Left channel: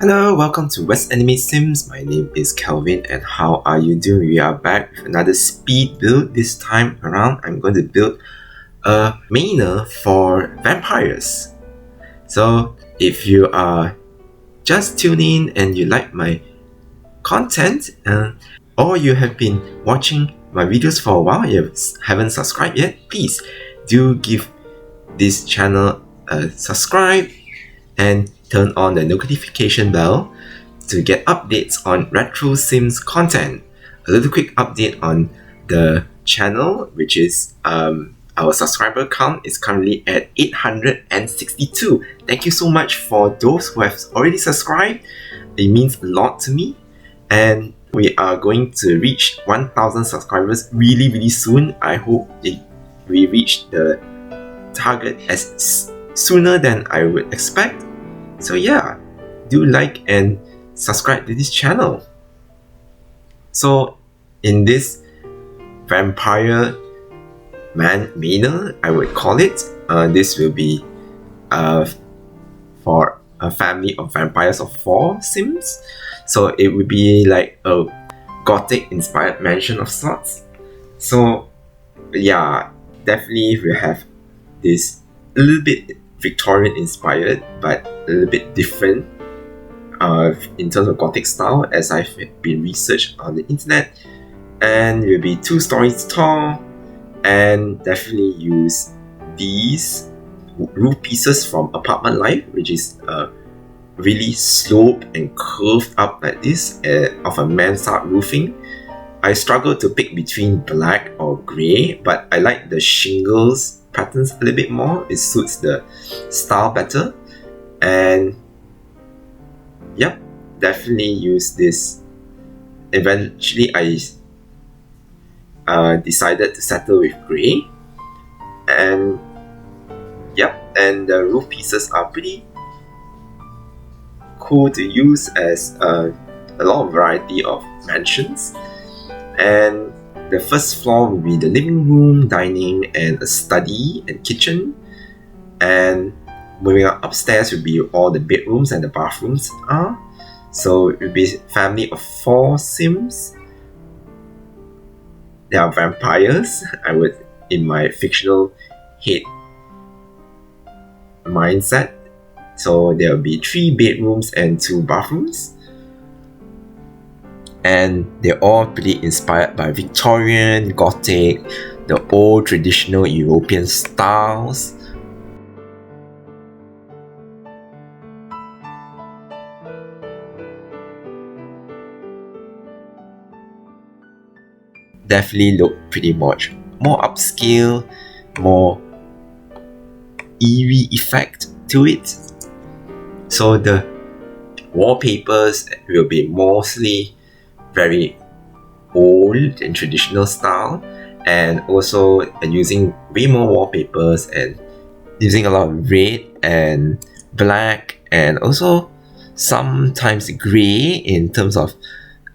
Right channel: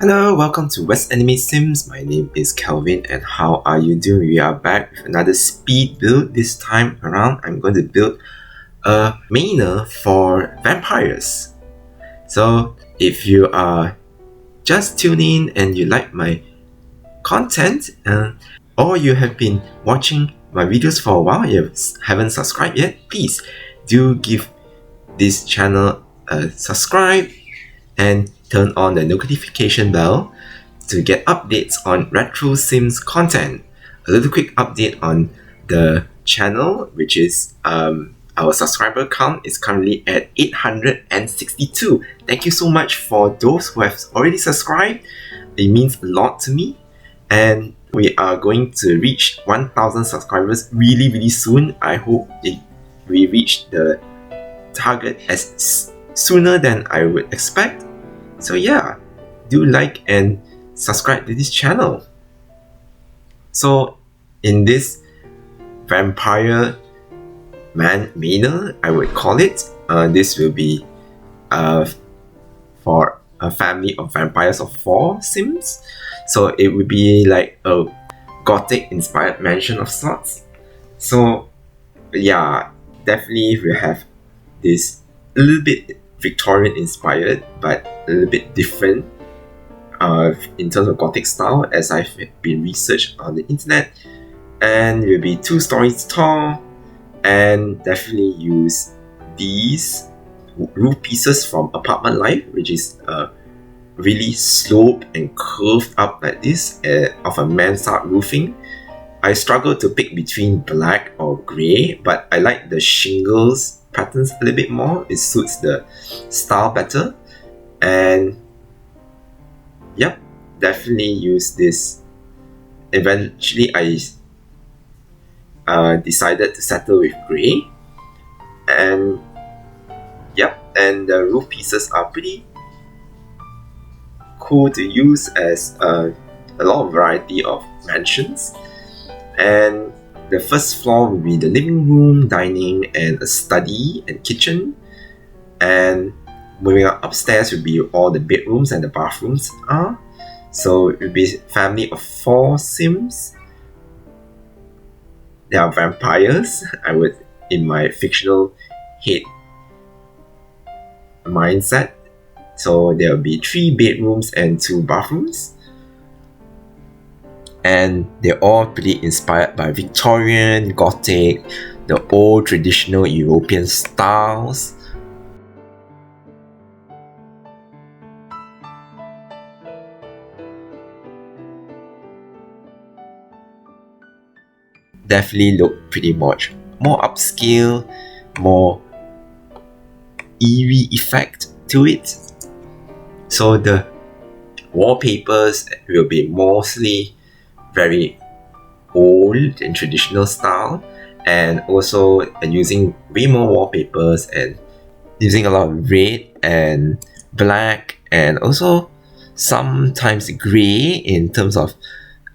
Hello, welcome to West Anime Sims. My name is Kelvin, and how are you doing? We are back with another speed build. This time around, I'm going to build a manor for vampires. So, if you are just tuning in and you like my content, or you have been watching my videos for a while, you haven't subscribed yet, please do give this channel a subscribe and turn on the notification bell to get updates on Retro Sims content. A little quick update on the channel, which is our subscriber count is currently at 862. Thank you so much for those who have already subscribed. It means a lot to me, and we are going to reach 1,000 subscribers really soon. I hope we reach the target as sooner than I would expect. So yeah, do like and subscribe to this channel. So in this vampire manor, I would call it, this will be for a family of vampires of 4 Sims. So it would be like a Gothic inspired mansion of sorts. So yeah, definitely we have this a little bit Victorian inspired, but a little bit different in terms of Gothic style, as I've been researched on the internet. And will be 2 stories tall, and definitely use these roof pieces from Apartment Life, which is really sloped and curved up like this of a mansard roofing. I struggle to pick between black or grey, but I like the shingles patterns a little bit more. It suits the style better, and yep, definitely use this. Eventually I decided to settle with grey, and yep, and the roof pieces are pretty cool to use as a lot of variety of mansions. And the first floor will be the living room, dining, and a study and kitchen. And moving up upstairs will be all the bedrooms and the bathrooms are. So it will be a family of 4 Sims. They are vampires. I would, in my fictional head mindset. So there will be 3 bedrooms and 2 bathrooms. And they're all pretty inspired by Victorian, Gothic, the old traditional European styles. Definitely look pretty much more upscale, more eerie effect to it. So the wallpapers will be mostly very old and traditional style, and also using way more wallpapers and using a lot of red and black, and also sometimes grey in terms of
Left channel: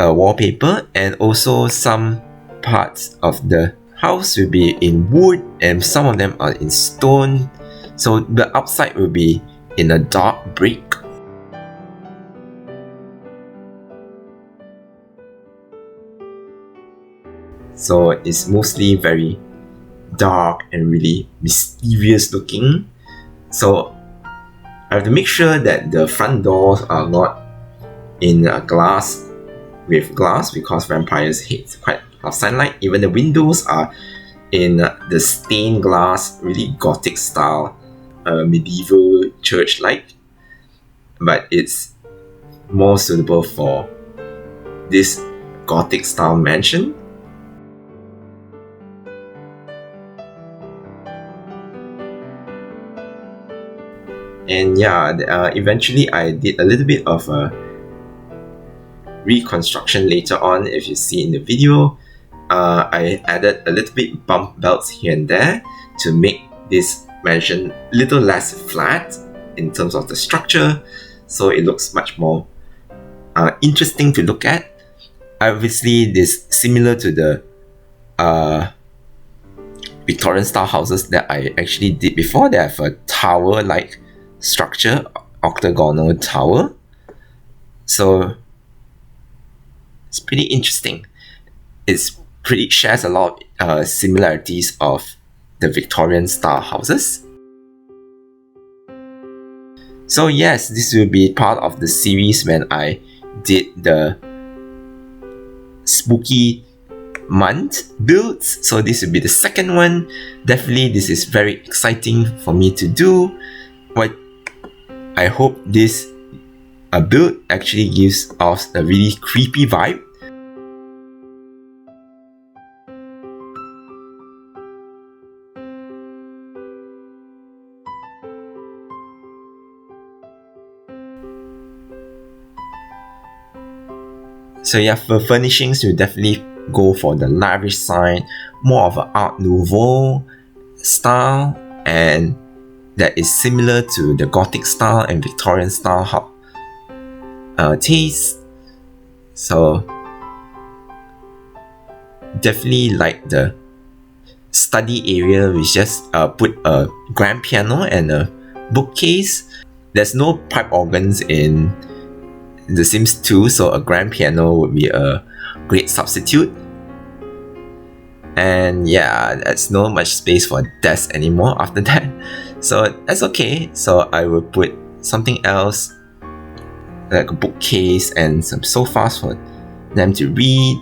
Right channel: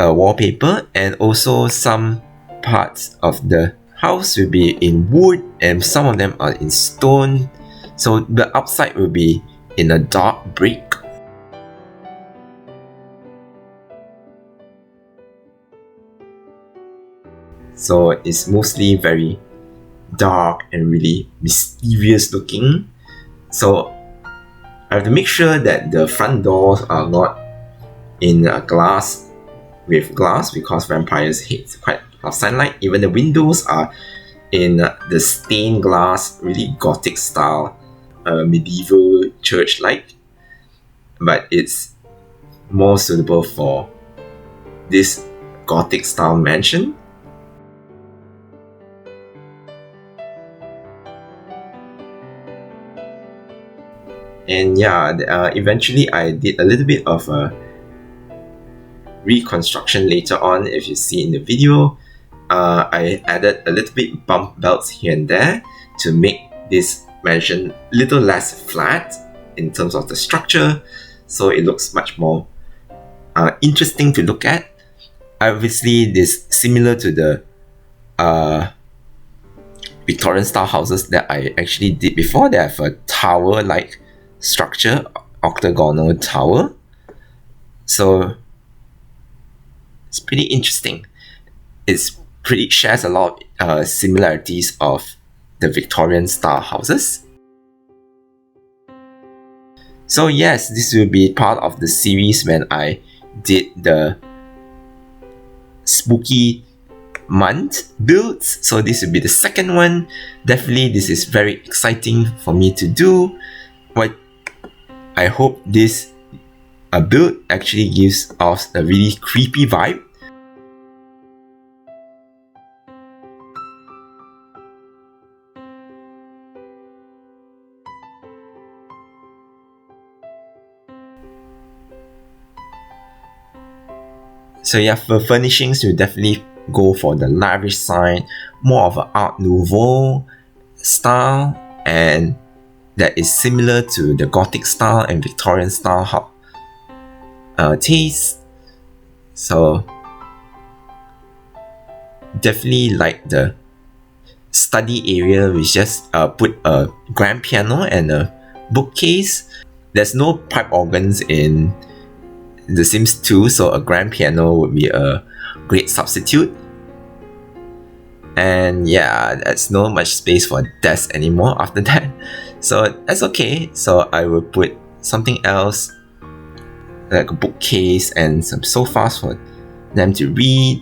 wallpaper. And also some parts of the house will be in wood, and some of them are in stone. So the outside will be in a dark brick. So it's mostly very dark and really mysterious looking. So I have to make sure that the front doors are not in glass, because vampires hate quite a lot of sunlight. Even the windows are in the stained glass, really Gothic style, medieval church-like. But it's more suitable for this Gothic style mansion. And yeah, eventually I did a little bit of a reconstruction later on. If you see in the video, I added a little bit bump belts here and there to make this mansion a little less flat in terms of the structure, so it looks much more interesting to look at. Obviously, this similar to the Victorian style houses that I actually did before. They have a tower like structure, octagonal tower, So it's pretty interesting. It's pretty shares a lot of similarities of the Victorian style houses. So yes, this will be part of the series when I did the spooky month builds. So this will be the second one. Definitely this is very exciting for me to do. But I hope this build actually gives off a really creepy vibe. So yeah, for furnishings, you definitely go for the lavish side, more of an Art Nouveau style, and that is similar to the Gothic style and Victorian style taste. So definitely like the study area, we just put a grand piano and a bookcase. There's no pipe organs in The Sims 2, so a grand piano would be a great substitute. And yeah, there's no much space for desk anymore after that. So that's okay. So I will put something else like a bookcase and some sofas for them to read.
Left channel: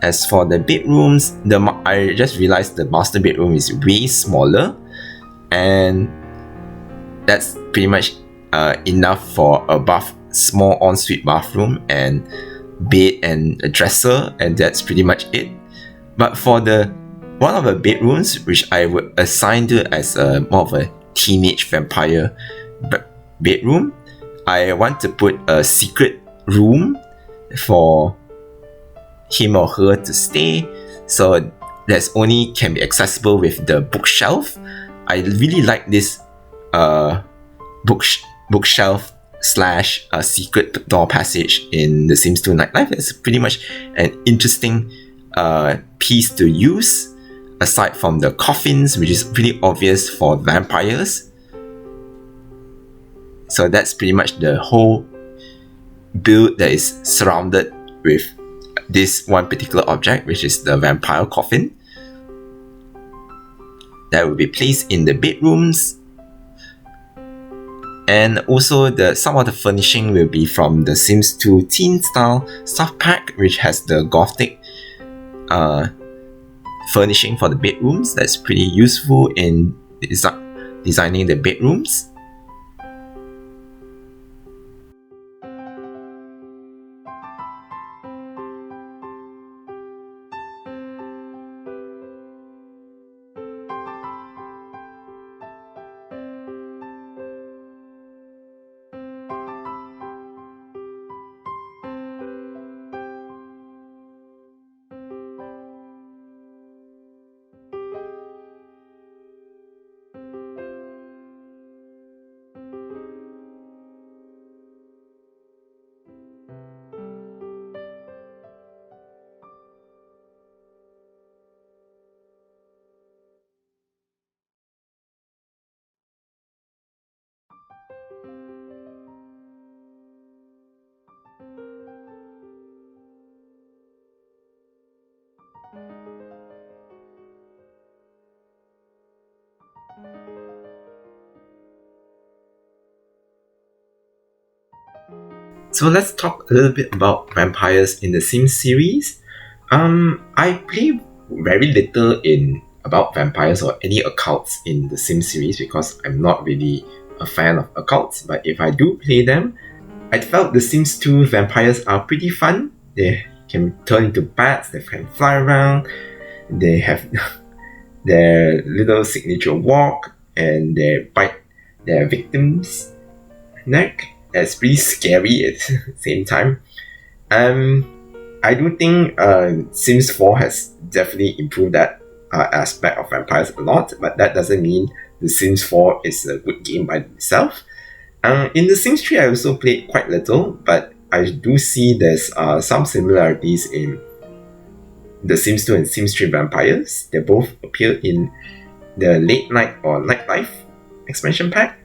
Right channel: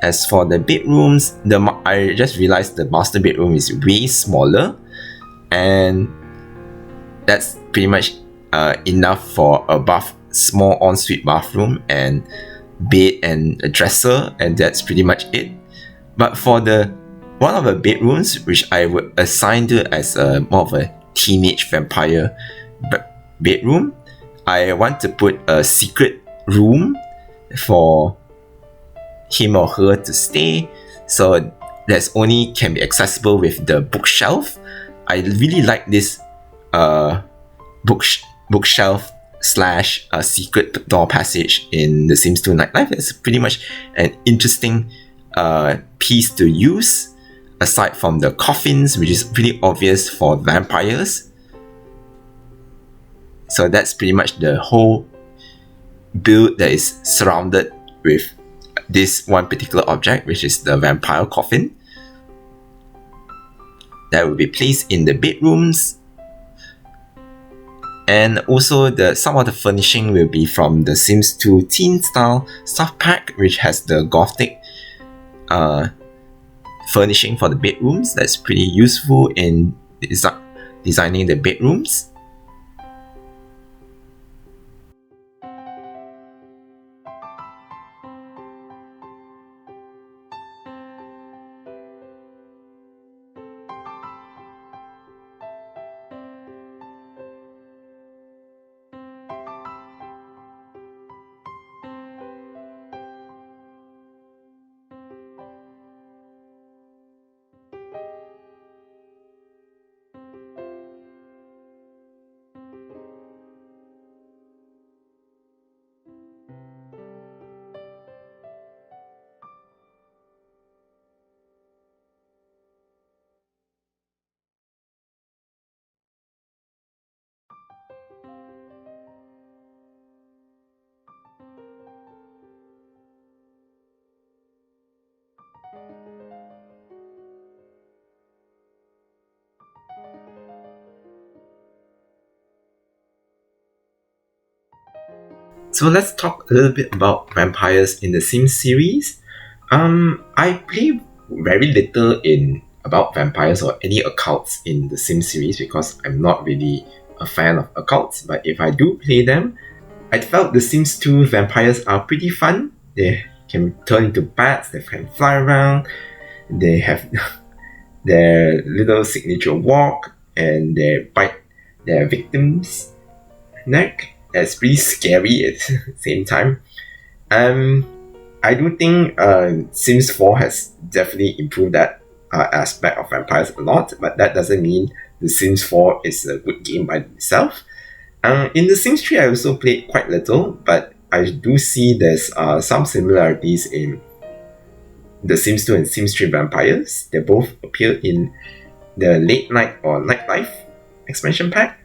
As for the bedrooms, I just realized the master bedroom is way smaller, and that's pretty much enough for a small ensuite bathroom and bed and a dresser, and that's pretty much it. But for the one of the bedrooms, which I would assign to as more of a teenage vampire bedroom, I want to put a secret room for him or her to stay, so that's only can be accessible with the bookshelf. I really like this bookshelf slash secret door passage in The Sims 2 Nightlife. It's pretty much an interesting piece to use, aside from the coffins, which is pretty obvious for vampires. So that's pretty much the whole build that is surrounded with this one particular object, which is the vampire coffin. That will be placed in the bedrooms. And also some of the furnishing will be from the Sims 2 Teen Style Stuff Pack, which has the Gothic furnishing for the bedrooms. That's pretty useful in designing the bedrooms. So let's talk a little bit about vampires in the Sims series. I play very little in about vampires or any occults in the Sims series because I'm not really a fan of occults. But if I do play them, I felt the Sims 2 vampires are pretty fun. They can turn into bats, they can fly around, they have their little signature walk, and they bite their victims' neck. That's pretty scary at the same time. I do think Sims 4 has definitely improved that aspect of vampires a lot, but that doesn't mean the Sims 4 is a good game by itself. In the Sims 3, I also played quite little, but I do see there's some similarities in The Sims 2 and Sims 3 Vampires. They both appear in the Late Night or Nightlife expansion pack.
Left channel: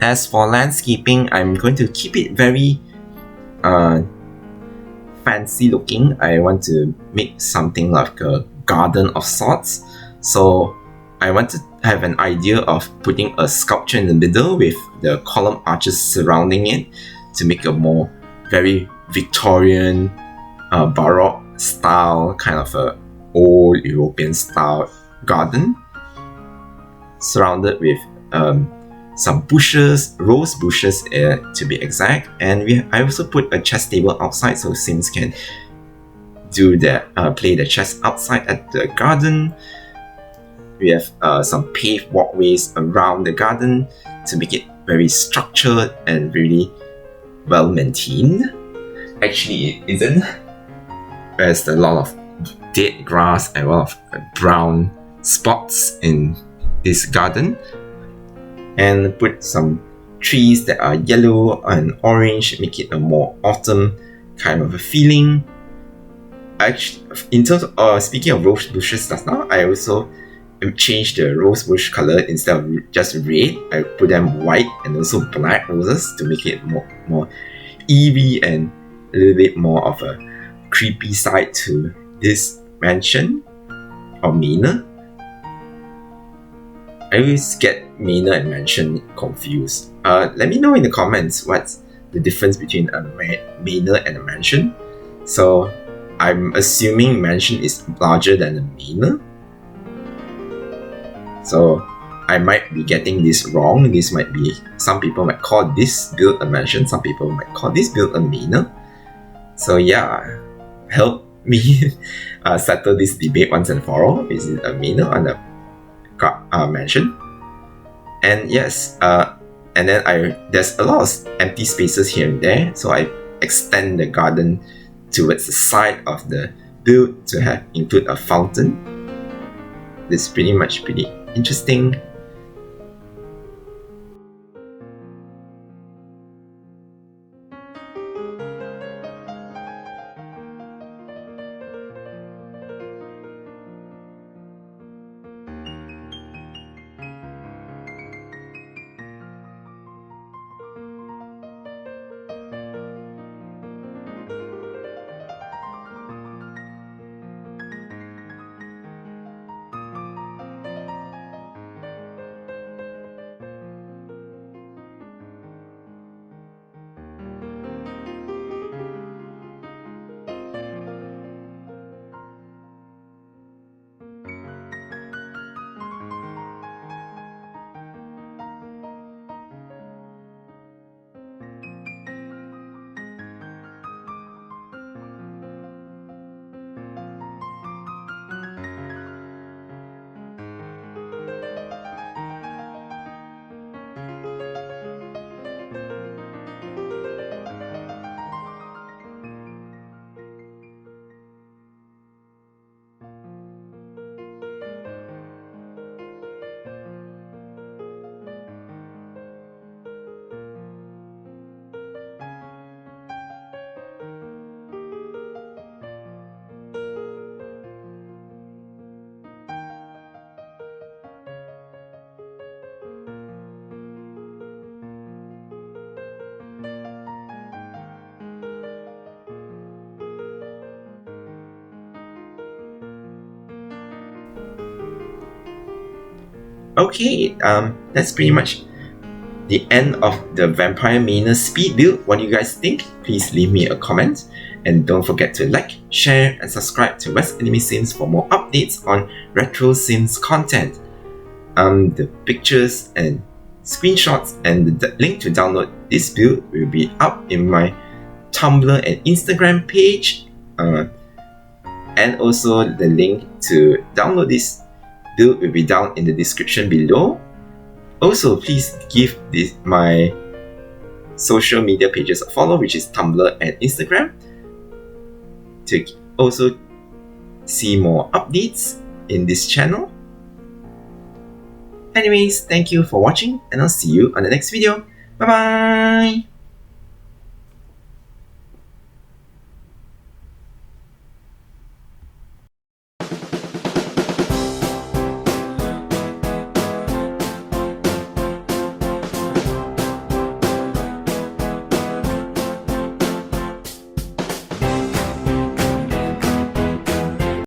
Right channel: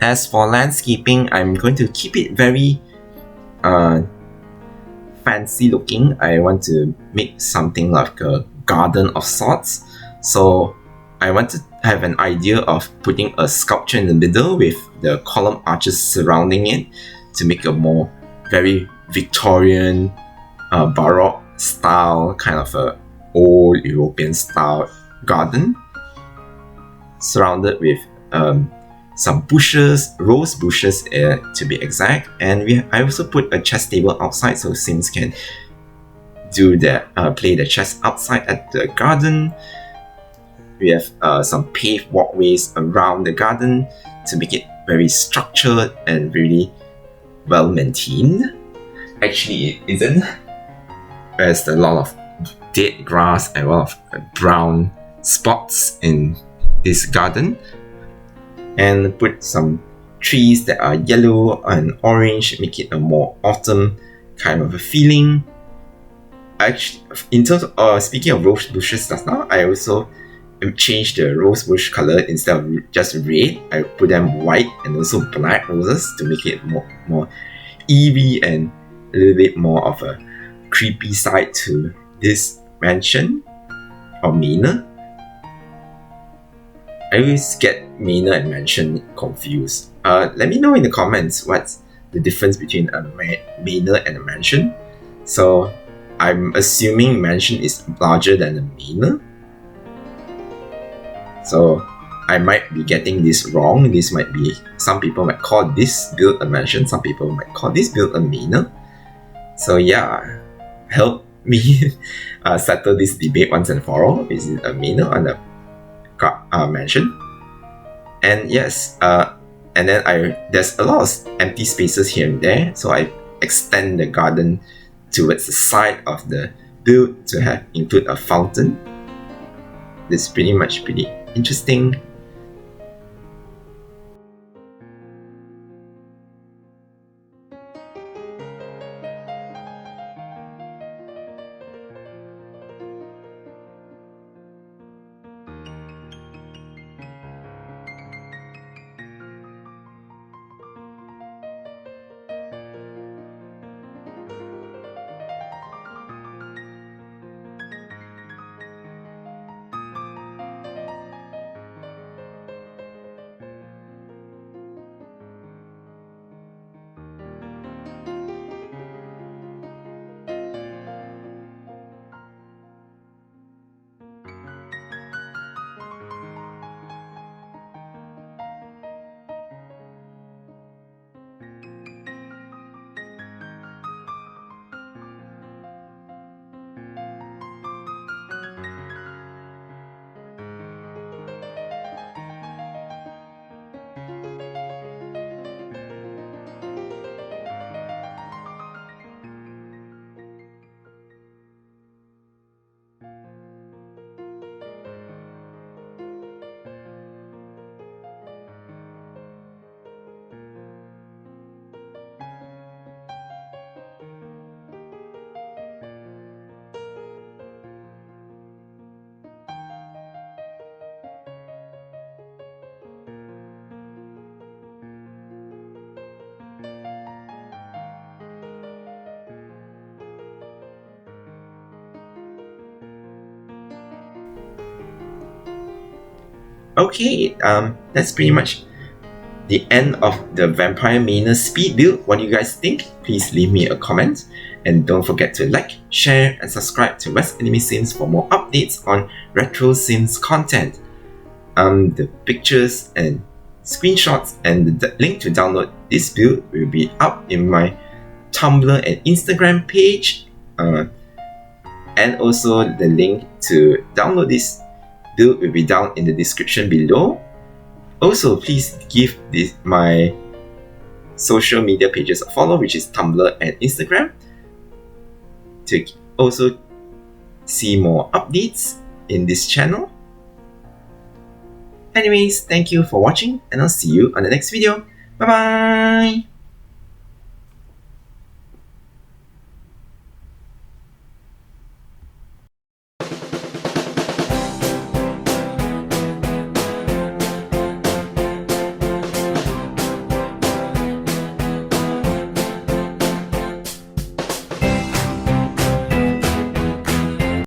As for landscaping, I'm going to keep it very fancy looking. I want to make something like a garden of sorts. So I want to have an idea of putting a sculpture in the middle with the column arches surrounding it to make a more very Victorian, Baroque style, kind of a old European style garden, surrounded with some bushes, rose bushes to be exact. And I also put a chess table outside so Sims can play the chess outside at the garden. We have some paved walkways around the garden to make it very structured and really well maintained. Actually, it isn't. There's a lot of dead grass and a lot of brown spots in this garden. And put some trees that are yellow and orange, make it a more autumn kind of a feeling. Actually, in terms of speaking of rose bushes just now, I also changed the rose bush color. Instead of just red, I put them white and also black roses to make it more eerie and a little bit more of a creepy side to this mansion or manor. I always get manor and mansion confused. Let me know in the comments what's the difference between a manor and a mansion. So I'm assuming mansion is larger than a manor. So I might be getting this wrong. Some people might call this build a mansion, some people might call this build a manor. So yeah, help me settle this debate once and for all. Is it a manor or a mansion? And yes, and then there's a lot of empty spaces here and there, so I extend the garden towards the side of the build to include a fountain. This is pretty interesting. Okay, that's pretty much the end of the Vampire Manor speed build. What do you guys think? Please leave me a comment. And don't forget to like, share, and subscribe to West Anime Sims for more updates on retro Sims content. The pictures and screenshots and the link to download this build will be up in my Tumblr and Instagram page. And also the link to download this build will be down in the description below. Also, please give my social media pages a follow, which is Tumblr and Instagram, to also see more updates in this channel. Anyways, thank you for watching, and I'll see you on the next video. Bye bye!